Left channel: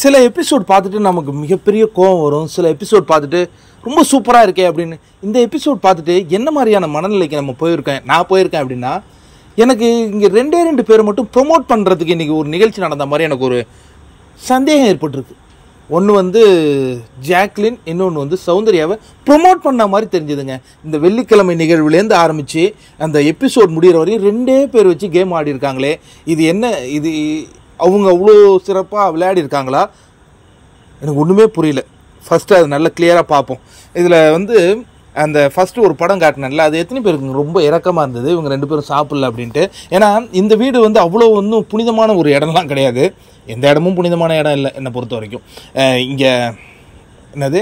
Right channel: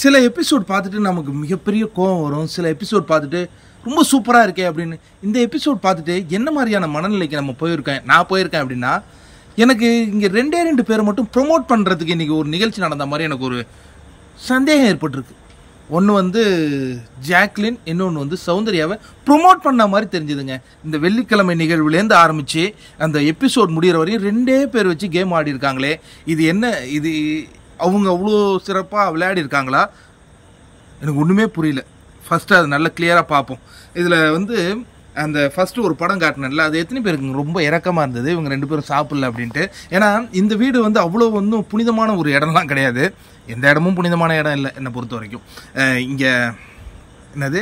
சில எபிசோட் பார்த்துட்டு நமக்கு மிகப்பெரிய கோவம் வரும். சில எபிசோட் பார்த்துட்டு ரொம்ப சூப்பராக இருக்கே அப்படின்னு. இந்த எபிசோட் பார்த்துட்டு என்ன மாதிரியான மனநிலைக்கு நான் போயிருக்கேன் அப்படின்னா, எனக்கு இங்கே ரெண்டு பேரை மட்டும் ப்ரொமோட் பண்ணுறதுக்கு இன்றைக்கி ஒரு நிகழ்ச்சி நடந்த மாதிரி எனக்கு ஒரு சந்தேகம் ஏற்பட்டிருக்கு. ஒன்று வந்து ஜாக்லின், இன்னொன்று வந்து சௌந்தர்யாவை ப்ரொமோட் பண்ண மாதிரி தெரிஞ்சுதுங்க. இந்த வெள்ளிக்கிழமை நிகழ்வுலேருந்து ஆரம்பித்து அந்த எபிசோட் முடிகிற வரையும் 2 பேர் வச்சு கேம் ஆடி இருக்காங்களே, இது என்ன? இது அவங்க அவ்வளோ சிறப்பாக விளையாடி இருக்காங்களா? எனக்கு ஒன்றுமே புரியல. ஃபஸ்ட்டு அது நல்லா கிளியராக பார்ப்போம். இதில் வந்து அந்த ஃபஸ்ட்டு ஒரு படம் காட்டினல, அது எத்தனை பேருக்கு ரொம்ப இறக்கமாக இருந்தது இவங்க 2 பேரும் சாப்பிடல அப்படின்ட்டு. ஏன்னா இந்த வீடு வந்து அவ்வளோ ஒன்றும் புனிதமான ஒரு இடம்லாம் கிடையாது. எந்த இடமும் புனிதமான இடம் இல்லை என்னை பொறுத்த வரைக்கும். இங்கே என்னது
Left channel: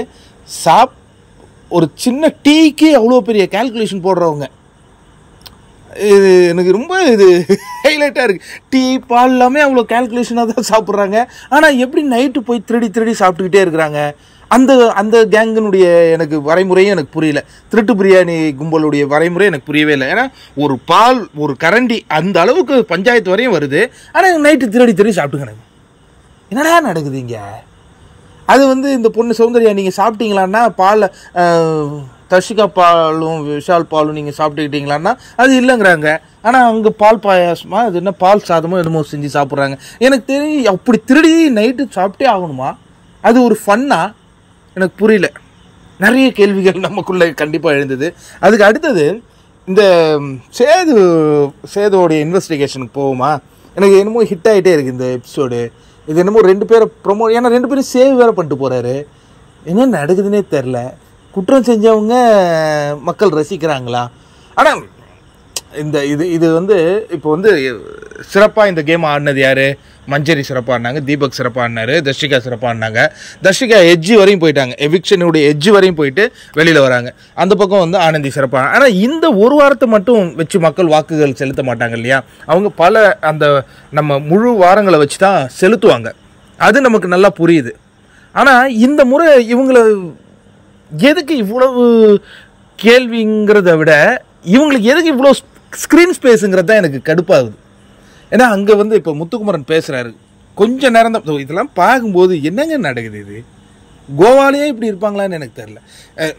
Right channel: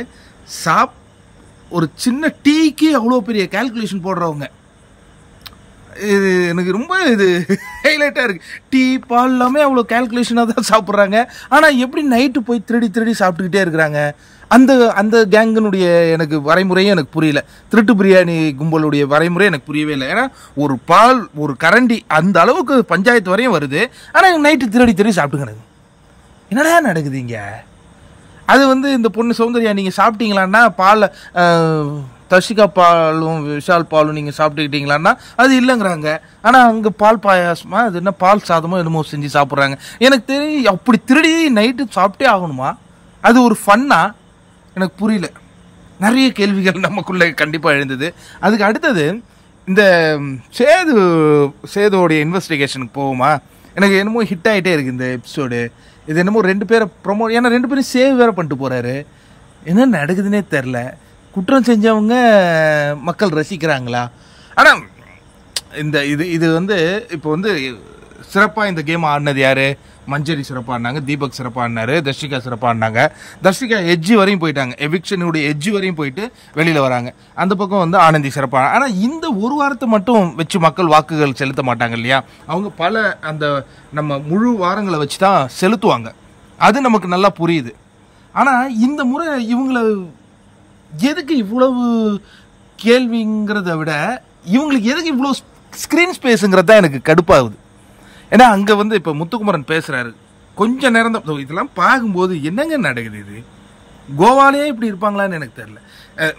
ஒரு சின்ன டீக்கு அவ்வளோ பெரிய கால்குலேஷன் போடுறவங்க. இது எனக்கு ரொம்ப ஹைலைட்டாக இருக்குது. டீ பால் எல்லாமே அவ்வளோ கால்குலேஷனாக தான் சாப்பிட்றாங்க. ஆனால் எப்படி நைட்டு போய் திருடி சாப்பிட்டுக்கிட்டே இருக்கிறாங்க? அந்த கேங்கினுடைய எனக்கு வரைமுறையும் எனக்கு புரியல. திருட்டு பிரியாணி கும்பலுடைய வரைமுறை எனக்கு புரியவே இல்லை. ஏன்னா ஒரு பால் ஒரு கரண்டி அந்த அளவுக்கு பஞ்சாயத்து வரையும் வருது. ஆனால் நைட்டு திருடி சாப்பிட்டுக்கிறாங்க. என்னடா நடக்குது இங்கே? அது வந்து இந்த பொண்ணு சௌந்தர்யா, நீங்கள் சாப்பிட்டீங்களான்னா பால் தர்ஷிகா பாலும் விஷால் பாலும் நீங்கள் சாப்பிட்டுக்கிட்டீங்களான்னா அது இல்லைங்கிறாங்க. ஆனால் அவங்க பால் பாயாசமா அது என்ன பால் சாதமோ என்னமோ செஞ்சு சாப்பிட்றாங்க. எனக்கு தெரிஞ்சு அப்படி திருடி நைட்டு சாப்பிட்டே ஆகணுமா? அது ஒரு ஃபன்னா? எனக்கு புரியல. நிறைய கேள்விகள் நமக்குள்ளே கண்டிப்பாக எழுந்தது. அதுக்கு அடுத்தது இந்த சேதுவோடைய இன்வெஸ்டிகேஷனுக்கு போகுமா? எனக்கு என்னமோ ஹிட் ஆகிட்டே இருக்குது இந்த எபிசோடு. இது என்னமோ 2 பேரை ஏன்னா 2 பேரும் சேவ் வேறு பண்ணிட்டு போகிறாரு. என்ன நடக்குதுன்னே தெரில. குற்றம் செஞ்சவங்க மக்கள் ரசிக்கிறாங்களா? ஆனால் இது வந்து இப்போ வந்து சிறப்பாக இந்த கேம் ஆடினது யார்? மஞ்சரி சிறப்பாக ஆடினாங்க, தீபக் சிறப்பாக ஆடினாரு, தர்ஷிகா சிறப்பாக ஆடினாங்க. தர்ஷிகா எட்ஜி வரையும் போயிட்டாங்க, எவிக்ஷனுடைய எட்ஜி வரையும் போயிட்டு வெளியில் வராங்க. அந்த பக்கம் வந்து ஆனந்தி சிறப்பாக. ஆனால் இந்த ஒரு வாரத்தை மட்டும் வச்சு மக்கள் வாக்குகள் செலுத்த மாட்டாங்க இல்லையா? அவங்க பல அந்த நம்ம முழு வாரங்களை வச்சு தான் செலுத்துவாங்க. அது நமக்கு நல்லா புரியுது. ஆனால் இந்த முறை இவங்களை எதுக்கு இவ்வளவு கேள்விங்கிறத விட இவங்களுக்கு எதுக்கு இவ்வளோ ஸ்க்ரீன் ஸ்பேஸுங்கிறது தான் எனக்கு கடுப்பாகுது. ஏன்னா அங்கே வந்து இப்போ முத்துக்குமரன் பேசுகிறாரு கொஞ்சம் நேரம் தான். இதெல்லாம் பார்க்கும்போது என்னங்க நடக்குது? இது கோவாலேயே இப்படி இருப்பாங்களான்னு எனக்கு தெரில.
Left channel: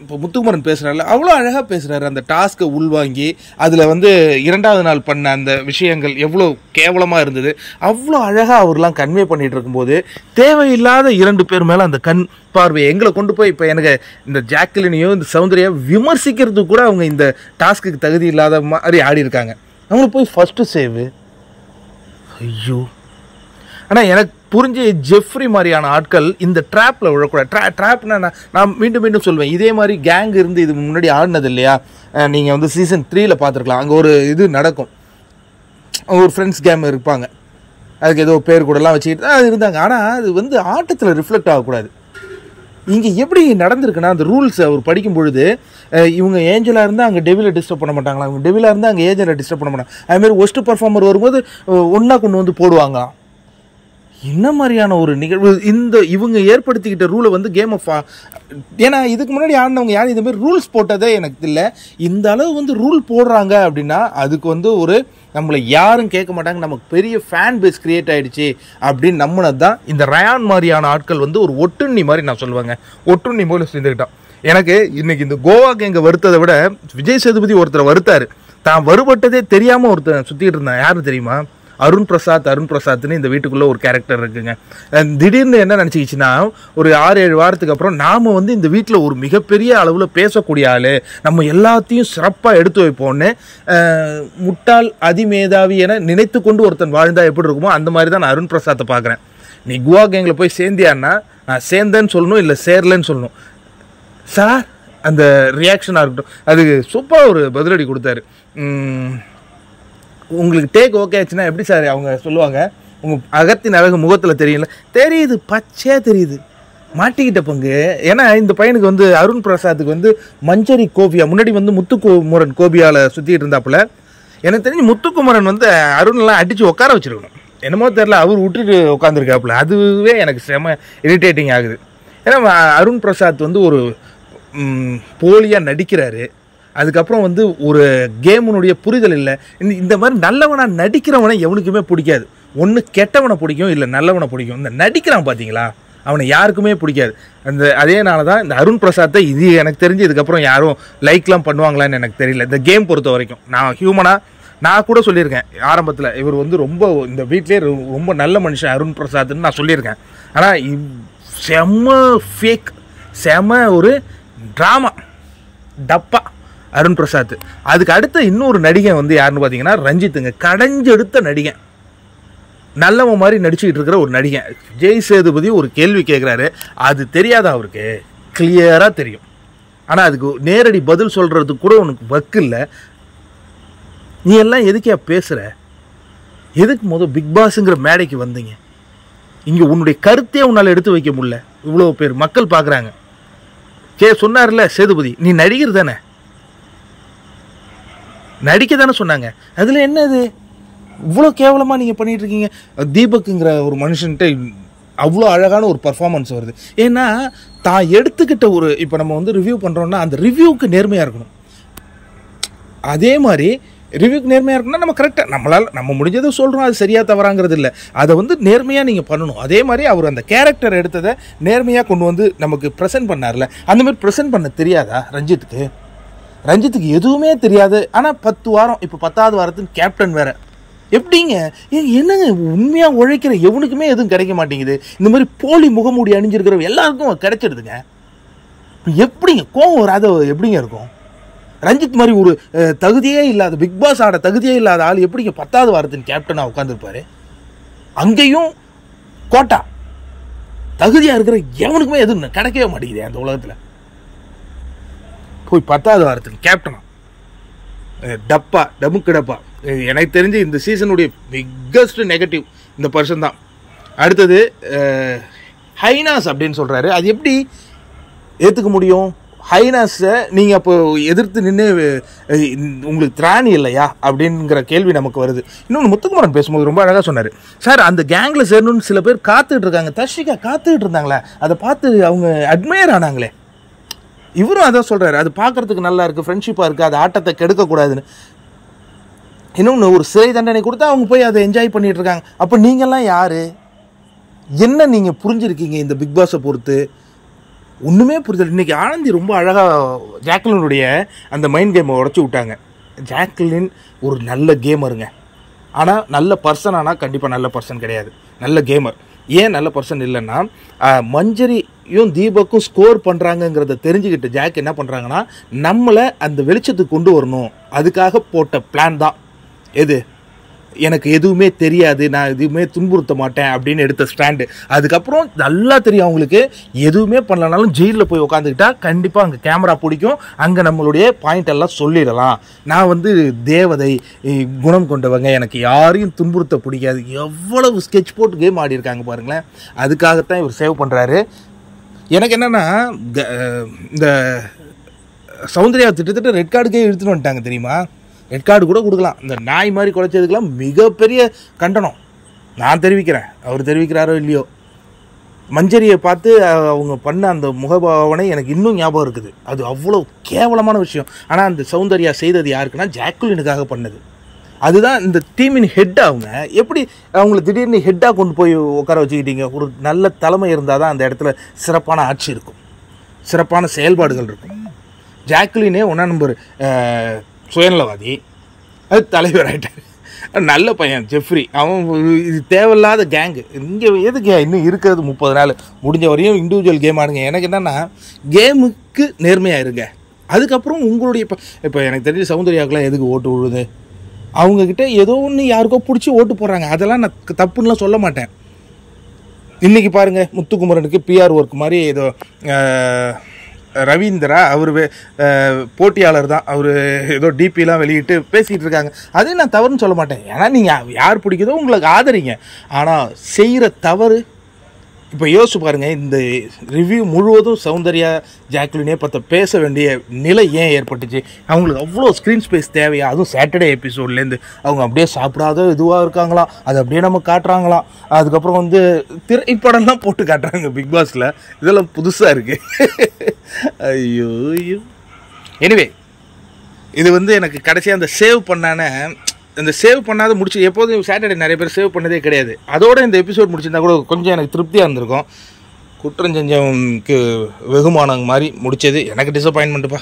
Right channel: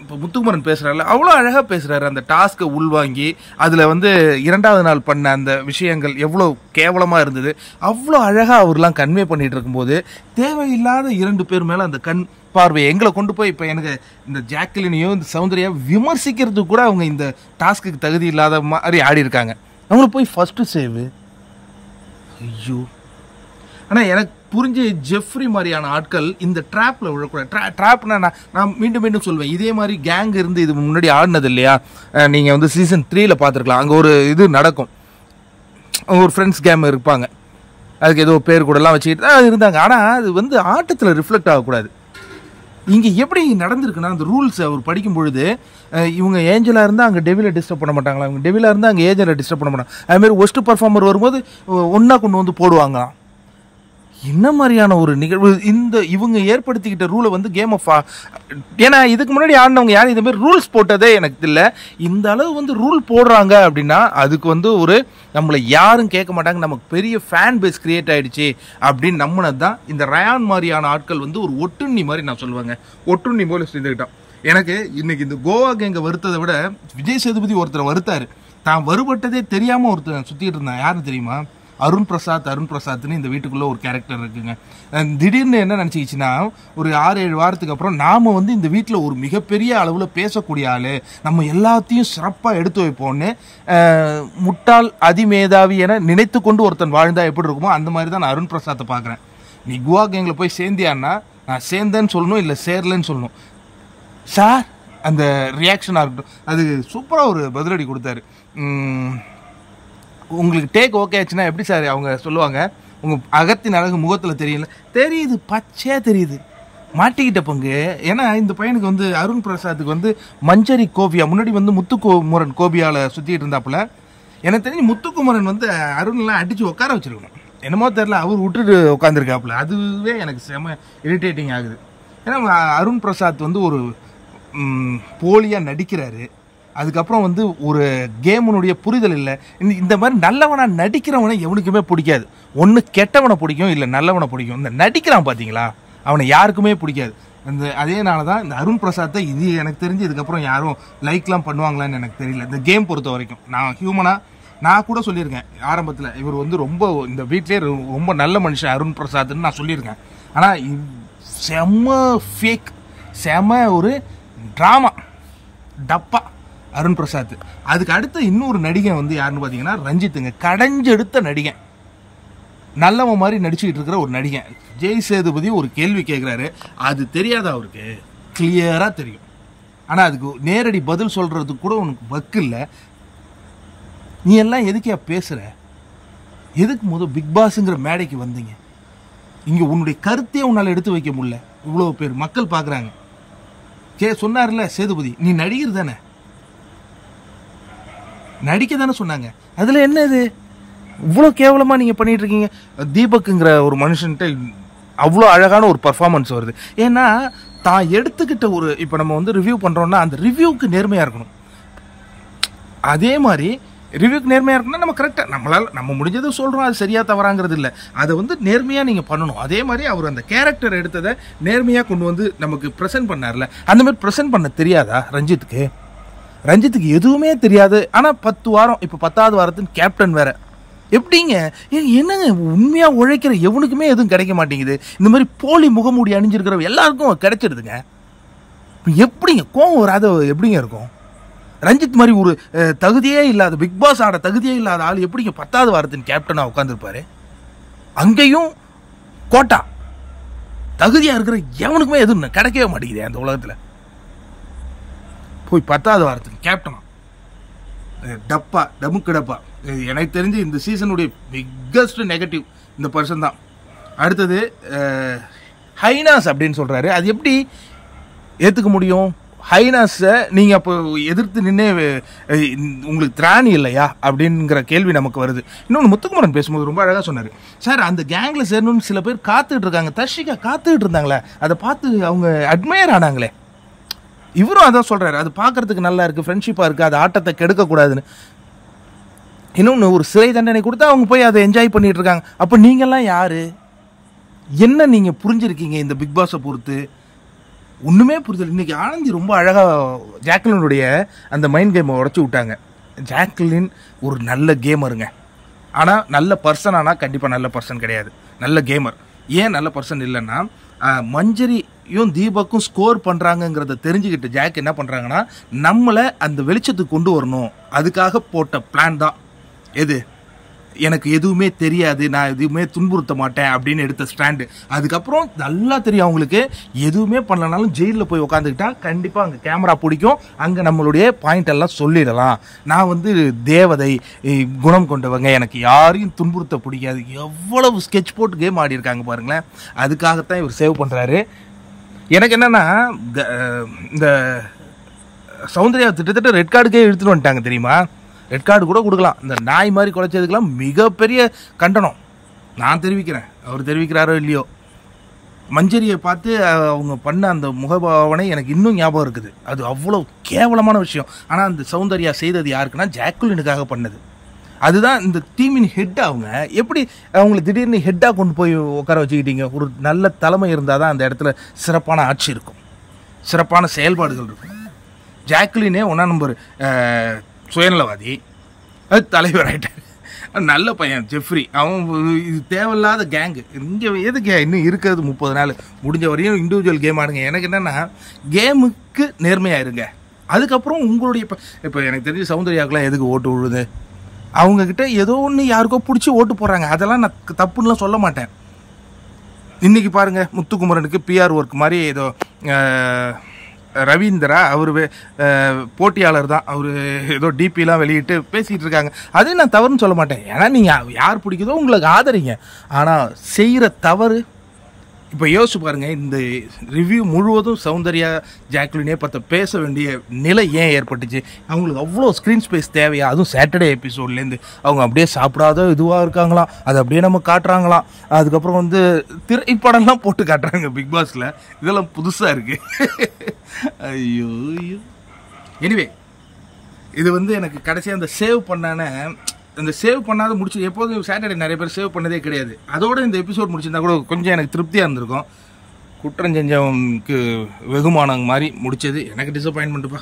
இப்போ முத்துக்குமரன் பேசுகிறாருல, அவ்வளோ அழகாக பேசுகிறாரு. அந்த டாஸ்க்கை உள்வாங்கி அதில் வந்து 2வது நாள் பண்ண அந்த விஷயங்கள் எவ்வளோ கேவலமாக இருந்தது, அவ்வளோ அழகாக அவர்லாம் கன்வே பண்ணிகிட்டு இருக்கும்போது தேவையில்லாத 2 பேர் மேலே அந்த கண் பார்வை எங்களை கொண்டு போய் இப்போ எனக்கு இந்த ஜாக்லினையோ இந்த சௌந்தர்யா விமர்சிக்கிறதுக்கு கூட அவங்க இந்த டாஸ்க்கு தகுதி இல்லாத மாதிரி ஆடி இருக்காங்க. அவங்களுக்கு போய் ஃபஸ்ட்டு சேவு. ஐயோ! ஆனால் எனக்கு புரிஞ்சு ஜெஃப்ரி மாதிரியான ஆட்கள் இந்த ட்ராப்பில் விழக்கூடாது. ட்ராப்னா நான் மீண்டும் சொல்லுவேன், இதே மாதிரி கேங் இருந்து இது முன்னாடி ஆடினது இல்லையா? நீங்கள் வந்து சீசன் 3 பார்த்துருக்கலாம். அங்கே ஒரு இது நடக்கும், ஒரு ஃப்ரெண்ட்ஸ் கேம் இருப்பாங்க, அதுக்கு ஏதோ பேர் கூடலாம் வச்சுக்கிட்டு தான் இருந்தாங்க. ஆனால் அது வந்து ஆட்டத்தில் ரிஃப்ளெக்ட் ஆகக்கூடாது. இங்கே எப்படி நடந்திருக்குன்னா, அந்த ரூல்ஸ் அவர் படிக்கும் பொழுது இவங்க ஏஞ்சலாக இருந்தால் அங்கே டெவிலை டிஸ்டர்ப் பண்ண மாட்டாங்களா, அவங்க டெவிலாக இருந்தால் அங்கே ஏஞ்சலை டிஸ்டர்ப் பண்ண மாட்டாங்க. அதுமாதிரி ஒஸ்ட் பர்ஃபார்மர் வரும்போது ஒன்றா கொண்டு வந்து போடுவாங்க. என்ன மாதிரியான ஒரு நிகழ்வு இவங்க ஏற்படுத்திக்கிட்ட ரூலை வந்து கேம் ஆஃப். ஏன்னா இதுக்கு முன்னாடி ஆடினவங்க யாரும் இதுமாரி ரூல்ஸ் போட்டதே எனக்கு இல்லை. இந்த அளவு வந்து ரூல் போடுறாங்க அப்படின்னா அதுக்கு வந்து ஒரு நம்மளை யாரும் கேட்க மாட்டாங்க, நமக்கு பெரிய ஃபேன் பேஸ் கிரியேட் ஆகிடுச்சு அப்படின்னு நம்பினது தான் இந்த ரயான் மாதிரியான ஆட்கள் வந்து ஒரு ஒட்டுண்ணி மாதிரி நான் சொல்லுவேங்க. ஒட்டுண்ணி போல செஞ்சுக்கிட்டோம். எனக்கு இன்னைக்கு இந்த கோவாக்கு எங்கே வருத்ததை விட விஜய் சேதுபதி ஒருத்தரை வருத்தாரு. தான் வருபட்டதே தெரியாமல் ஒருத்தர் சுற்றிக்கிட்டு இருந்தான். யாரும் தெரியுமா? அருண் பிரசாத்னு இந்த வீட்டுக்குள்ளே ஒரு கேரக்டர் இருக்குங்க. திடீர்னு என்ன நினச்சிக்கிச்சுன்னா, ஒரு 6-7 வாரத்துக்கு அப்புறம் நாம் வந்து இந்த வீட்டில் ஒரு மிகப்பெரிய அளவில் பேசக்கூடிய ஆள், நம்ம எல்லாத்தையும் சிறப்பாக எடுத்து வைப்போம்னு முட்டாள் அதிமேதாவி என நினைத்து கொண்டு ஒருத்தன் வாழ்ந்தா எப்படி இருக்குமோ அந்த மாதிரி தான் நான் அருண் பிரசாத்தை பார்க்குறேன். நீ குவா கேங்கில் போய் சேர்ந்தியான்னா நான் சேர்ந்தேன்னு சொல்லணும், இல்லை சேரலன்னு சொல்லணும். சார் அந்த ரியாக்ஷனாக இருக்கட்டும், அது சூப்பராக ஒரு பதிலடி கொடுத்தாரு. உங்களுக்கு டேக் ஓகே ஆச்சுன்னா எப்படி சார் அவங்க சொல்லுவாங்க, உங்கள் அகத்தின் அழகு முகத்தில் தெரியல, தெரியுது, பச்சையாக தெரியுது, மாட்டிக்கிட்ட பங்கு. ஏன்னா இந்த பையனுக்கு வந்து அருண் பிரசாத்துக்கு வந்து மஞ்சரி கோபியா, முன்னாடி வந்து முத்துக்குமரன் கோபியாவில் சுற்றிட்டு இருந்தாப்புல. எனக்கு தெரிஞ்சு முத்துக்குமரன் வந்து அருண்லாம் அடித்து உட்கார வச்சுருக்கணும். என்னமோ தெரில, அவர் விட்டுட்டு உட்காந்துருக்காப்புல. அதுவே எனக்கு செம இரிட்டேட்டிங் ஆகுது. ஏன்னா அருண் பிரசாத் வந்து ஒரு போலியாக நடிக்கிறாரு. அதுக்கப்புறம் வந்து ஒரு கேமுனுடைய புரிதல் இல்லை. இந்த மாதிரி நல்லவனாக நடிக்கிறவனை எவனுக்குமே பிடிக்காது. ஒன்று கெட்டவனை பிடிக்கும், இல்லை நல்லவனை பிடிக்கும். இந்த நடிக்கிறான் பார்த்தீங்களா, அவனை யாருக்குமே பிடிக்காது. அதேனால தான் இந்த அருண் பிரசாத்தை இது எனக்கு தெரிஞ்சு இதுக்கப்புறம் யாரும் லைக்லாம் பண்ணுவாங்களான்னு எனக்கு தெரியல. இந்த கேம் பொறுத்த வரைக்கும் நான் ஹியூமனாக நான் கூட சொல்லியிருக்கேன் ஆரம்பத்தில், இவர் வந்து ரொம்ப இந்த வீட்லேயே ரொம்ப நல்ல மனுஷன் அருண் பிரசாத்னு நான் சொல்லியிருக்கேன். ஆனால் செம்ம ஃபேக், செம்ம ஒரு ட்ராமா டப்பா அருண் பிரசாத். அதுக்கு அடுத்த இன்னொரு நடிகை வந்து யாருன்னு பார்த்தீங்கன்னா ரஞ்சித்துங்க. கடைஞ்செடுத்த நடிகை, நல்லவன் மாதிரி நடிச்சுக்கிட்டு இருக்கிற ஒரு நடிகை. விஜய் சேதுபதி ஒரு கேள்வி கேட்குறாரு, அது தெரியாதா அவருக்கு? கிளியராக தெரியும். ஆனால் அதுக்கு நேரடி பதில் சொல்கிறதுக்கு கூட உனக்கு வக்கு இல்லை. நீ எல்லாம் எதுக்கே பேசுகிற? எதுக்கு பிக் பாஸுங்கிற மேடைக்கு வந்தீங்க? இங்கே உன்னுடைய கருத்தையே உன்னால் எடுத்து வைக்க முடியல. இவ்வளோ பேர் மக்கள் பார்க்குறாங்க. சொன்னார்ல சேதுபதி, நீ நடிகர் தானே, நடிக்க தானே சொன்னாங்க, அதில் என்ன இது இவ்வளோ கேவலமாக நீங்கள் பண்ணிட்டு இருக்கீங்க? தீபக்குங்கிற ஒரு மனுஷன்ட்ட அவ்வளோ அழகான ஒரு பர்ஃபார்மன்ஸ் வருது. ஏன்னா தான் எடுத்துக்கிட்ட ஒரு, இப்போ நம்ம வந்து ரிவ்யூ பண்ணுறோன்னா அந்த ரிவ்யூவுக்கு நேர்மையாக இருக்கணும். அதே மாதிரி ரிவ்யூக்கு நேர்மையாக இருக்குன்னா நம்ம கரெக்டாக நம்ம முடிஞ்சதை சொல்கிறோம், அது சரியாக தவறாங்கிறது இல்லை. அதை வந்து நேர்மையாக நீங்கள் பண்ணணும். அதே மாதிரி அவர் அந்த கேரக்டர் எடுத்ததை நேர்மையாக கொண்டு வந்து நமக்கு ப்ரெசென்ட் பண்ணார்ல, அந்த மாதிரி ப்ரெசென்ட் பண்ண தெரியாதா ரஞ்சித்துக்கு? ரஞ்சித்துக்கு எதுவுமே தெரியாது. ஆனால் 10 வாரம், இப்போ 10வது வாரத்தின் கேப்டன் வேற. எப்படிங்க என்னங்க உண்மையாக உழைக்கிற எவனுக்குமே எதுவும் கிடைக்க மாட்டேங்குது. இந்த மாதிரி போலி முகமூடி அணிஞ்சிருக்கிற எல்லாருக்கும் கிடைச்சிடுதுங்க. எப்படிங்க கோவம் வராத எப்படிங்க இருக்கும்? ரஞ்சித் மாதிரி ஒரு தகுதியே இல்லாத, பிக் பாஸ் ஆட தகுதியே இல்லாத ஆள் எப்படிங்க 10வது வாரத்தின் கேப்டனாக உட்காந்துருப்பாரு? அங்கேயும் கோட்டா தகுதியாக இருக்கிற எவனுக்குமே எதுவும் கிடைக்கவே மாட்டேங்குது அந்த உலகத்தில். போய் 10வது வாரத்தின் கேப்டனா டப்பா டமுக்கு டப்பா. எனக்கு தெரிஞ்சு இந்த சீசனுடைய பிக்கஸ்ட் நெகட்டிவ் இந்த பர்சன் தான். அடுத்தது ஹைனாஸ் அப்படின்னு சொல்கிறாரு. அது எப்படி ஏற்றுக்க முடியும்? ஹைனாஸை நீங்கள் அப்போ எதிர்த்து நின்று உங்களுக்கு திராணி இல்லையா அப்படிங்கிற கேள்வி நமக்கு வருது. இன்னொன்று முத்துக்குமரன் பேசும்போது ரொம்ப அழகாக சொன்னார். சார் அந்த கேங்கில் சேரணும்னு சில பேர் காத்துக்கிட்டு இருக்காங்க, தர்ஷிகா காத்துக்கிட்டு இருந்தாங்களே, அதை பார்த்து அவங்க அட்மையர் ஆனாங்களே. இவரும் அதான் சொல்கிறாரு, அது பார்க்குறதுக்கு நல்லா இருக்குது, ஃப்ரெண்ட்ஷிப்பாக இருக்குது, அது ஆட்டத்தை கெடுக்கக்கூடாதுன்னு. இன்னொன்று, ஒரு சிறை தண்டனை கொடுத்தா அவங்க போய் அதை என்ஜாய் பண்ணிகிட்டு இருக்காங்க. அப்போ நீங்கள்லாம் யார்? என்ன நீங்கள் புரிஞ்சுருக்கீங்க இந்த பிக் பாஸை பொறுத்து? ஒன்றுமே புரிதல். இன்றைக்கி ஆனந்தி ரொம்ப அழகாக ஜாக்லினுடைய அந்த மைண்ட் கேமை உடச்சி விட்டாங்க. ஜாக்லின் ஒரு நல்ல கேமருங்க, ஆனால் நல்ல பர்சன். ஆனால் கண்டிப்பாக நல்ல பர்சன் கிடையாது, நல்ல கேமர். ஏன் நல்ல பர்சன் இல்லைன்னா, மஞ்சரியும் தீபக்கும் ஸ்கோர் பண்ணுறாங்கங்கிறத தெரிஞ்சுக்கிட்டு ஜாக் என்ன பண்ணுறாங்கன்னா, நம்மளை அந்த வெளிச்சத்துக்கு கொண்டு வரணும், அதுக்காக போட்ட பிளான் தான் எது, எனக்கு எதுவுமே தெரியாது, நான் எதுவுமே துன்புறுத்த மாட்டேன் அப்படின்னு எடுத்த ஸ்டாண்டு. அதுக்கப்புறம் நல்லா தெரியும் அவங்களுக்கு, எதுவுமே பண்ணலனாலும் ஜெயிலில் போய் உட்காந்துக்கிட்டா கண்டிப்பாக அங்கே கேமரா பிடிக்கும், அங்கே நம்மளுடைய பாயிண்ட் எல்லாம் சொல்லிடலாம். நான் வந்து தேவதை குணம் கொண்டவங்க, எனக்கு யாரையும் துன்புறுத்த பிடிக்காது. எவ்வளவு ஸ்கெட்ச் போட்டு கேம் ஆடி இருக்காங்க பாருங்களேன். அதுக்காகத்தான் இவர் சேவ் பண்ணுறாரு. எனக்கு என்னென்னா, இந்த சௌந்தர்யா திட்டத்தட்ட ரெட் கார்டுக்கே இழுத்துன்னு வந்துட்டாங்க தெரியுமா? ரெட் கார்டு கூட கொடுக்கலாம். இந்த நாய் மாதிரி குலைச்சதுக்கெல்லாம் மிகப்பெரிய கண்டனம் நான் தெரிவிக்கிறேன். அவர் தெரிவிக்கிறாரோ இல்லையோ, மஞ்சரியை பார்த்து அவங்க பண்ண அந்த முகபாவனை எனக்கு இன்னும் ஞாபகம் இருக்குது. அது அவ்வளோ கேவலமான விஷயம். ஆனால் அந்த சௌந்தர்யா செய்தது யாருக்குன்னா ஜாக்குலினுக்காக பண்ணது. அதுதான் இந்த டீமின் ஹெட். அவங்க எப்படி அவங்களை திடீர்னு ஹெட்டாக கொண்டு போய் உட்கார வச்சுக்கிட்டீங்க? ஒரு நல்ல தலைமை இருந்தால் தான் அந்த இடத்துல சிறப்பான ஆட்சி இருக்கும், சிறப்பான செயல்பாடுகள் இருக்கும். ஜாக்குலினே 1ஆம் நம்பர் சுயநலவாதி, அது தலைவர் ஆகிட்டார். நல்ல பையன் ஜெஃப்ரி, அவன் இது தேவையில்லாத கேங்கு. இங்கே எதுக்கு இன்னும் இருக்கிறது 30 நாள், முடிஞ்ச வரையும் இண்டிவிஜுவல் கேம் ஆடுங்க. எனக்கு என்னென்னா, கேமுக்கு நேர்மையாக இருங்க. அதுக்கப்புறம் உங்களுடைய இப்போ எனக்கு தெரிஞ்ச சௌந்தர்யாவுக்குலாம் எதுக்கு ஓட்டு விழுது? அவங்கக்கிட்ட ஏதோ ஒன்று யாருக்கோ பிடிச்சி ஓட்டு போடுறாங்க. அதெல்லாம் நான் தப்புன்னெலாம் சொல்ல மாட்டேன். இன்றைக்கி பாருங்கள், முத்துக்குமரனுக்கு பிஆர் ஒர்க் மாதிரி ஏதோ ரவீந்திரா அவர் போட்டியாளர் தான், அவர் ஏதோ டிபிலாம் வெளியிட்டு பேசிகிட்டு இருக்காங்க. அது நான் தவறுன்னு சொல்ல மாட்டேன். ஏன்னா நீங்கள் யார் பிடிக்குதோ உங்களுக்கு ஆதரிங்க. ஆனால் செய்கிற தவறு, இப்போ யோசிச்சு பாருங்கள், இந்த ரிவ்யூ முழுவதும் சௌந்தர்யா ஜாக்குலினே பார்த்து பேச வேண்டிய நிலை ஏன் ஏற்பட்டுச்சு? அவங்களுக்கு அவ்வளோ ஸ்க்ரீன் ஸ்பேஸ் தேவையா? அதுவும் சாட்டர்டே எபிசோட்லேருந்து அவங்க அப்படியே சாப்பிடாத இதுவாக இருக்காங்களாம், அதை அப்படியே நம்ம காட்டுறாங்களாம். அதுக்கப்புறம் வந்து திரைப்படம்லாம் போட்டு காட்டுறாங்க பிக் பாஸில். இதெல்லாம் புதுசாக இருக்குது. ஐயோ ஐயோ. எனிவே, இது வந்து எனக்கு கடைசியாக அந்த சேவ் பண்ணான, இந்த சேவ் பண்ணாத முடிச்சு, எப்போதும் சாட்டர்டே நிறைய பேர் சேவ் பண்ணதே கிடையாது. அதோட இந்த எபிசோட் முடிச்சிருந்தா கூட கொஞ்சம் எனக்கு திருப்தியாக இருந்திருக்கும். குற்றம் செஞ்சவனுக்கு வெகுமானம் மாதிரி முடிச்சது எனக்கு டிசப்பாயின்மெண்ட்டுப்பா.